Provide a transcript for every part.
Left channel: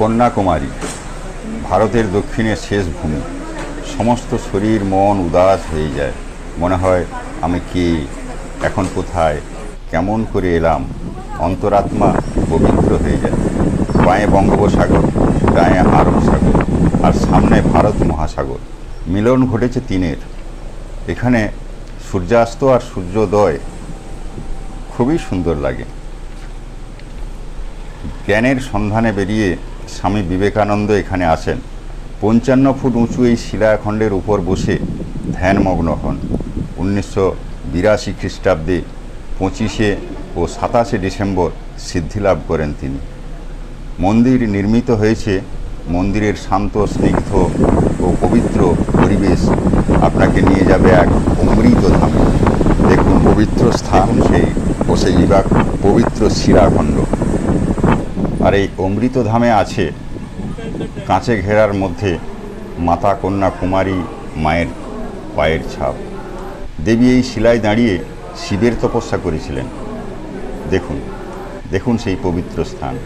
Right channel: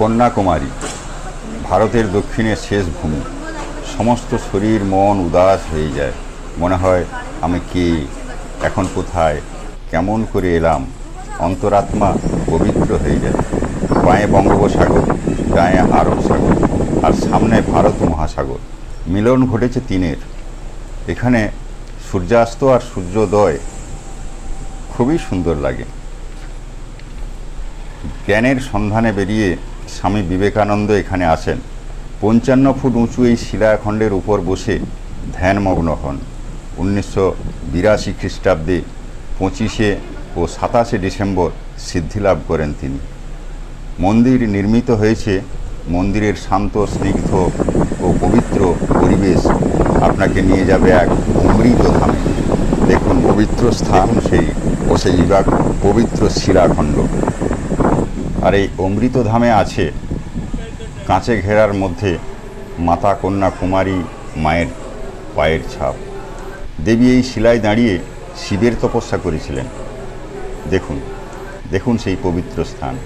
কন্যাকুমারী ভারতের দক্ষিণের শেষ ভূমি। সমস্ত শরীর মন উদাস হয়ে যায়, মনে হয় আমি কে, এখন কোথায়, কেমন করে এলাম। অন্তরাত্মা পবিত্র হয়ে যায়। বাঁয়ে বঙ্গোপসাগর, ডায়ে আরব সাগর, আর সামনে ভারত মহাসাগর। মিলন ঘটেছে তিনের। এখানে সূর্যাস্ত আর সূর্যোদয় খুবই সুন্দর লাগে। জ্ঞানের সন্ধানে বেরিয়ে স্বামী বিবেকানন্দ এখানে আসেন। 55 ফুট উঁচু এই শিলাখণ্ডের উপর বসে ধ্যানমগ্ন হন। 1982 খ্রিস্টাব্দে 25 ও 27 ডিসেম্বর সিদ্ধিলাভ করেন তিনি। মন্দির নির্মিত হয়েছে। মন্দিরের শান্ত, স্নিগ্ধ ও পবিত্র পরিবেশ আপনাকে নিয়ে যাবে এক অমৃত ধামে। দেখুন পবিত্র স্থান সেই পবিত্র শিলাখণ্ড। আর এই অমৃত ধামে আছে কাঁচে ঘেরার মধ্যে মাতা কন্যাকুমারী মায়ের পায়ের ছাপ। দেবী এই শিলায় দাঁড়িয়ে শিবের তপস্যা করেছিলেন। দেখুন দেখুন সেই পবিত্র স্থান।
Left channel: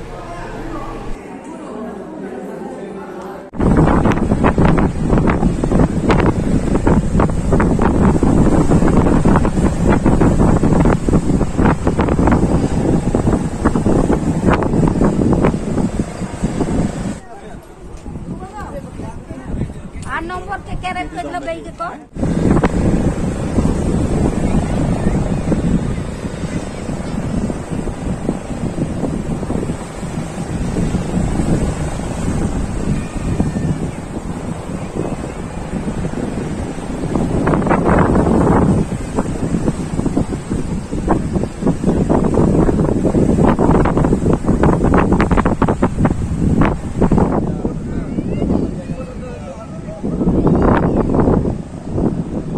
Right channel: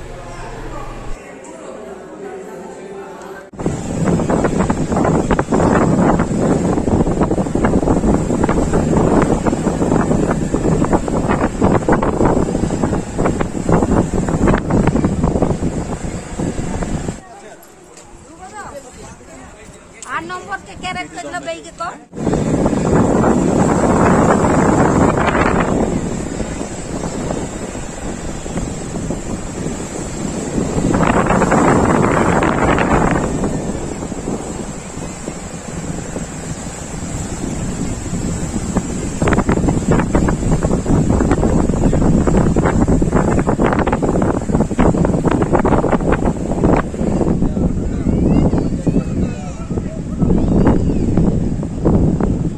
নম্বর কে ক্যারেক্টার বেইকে তো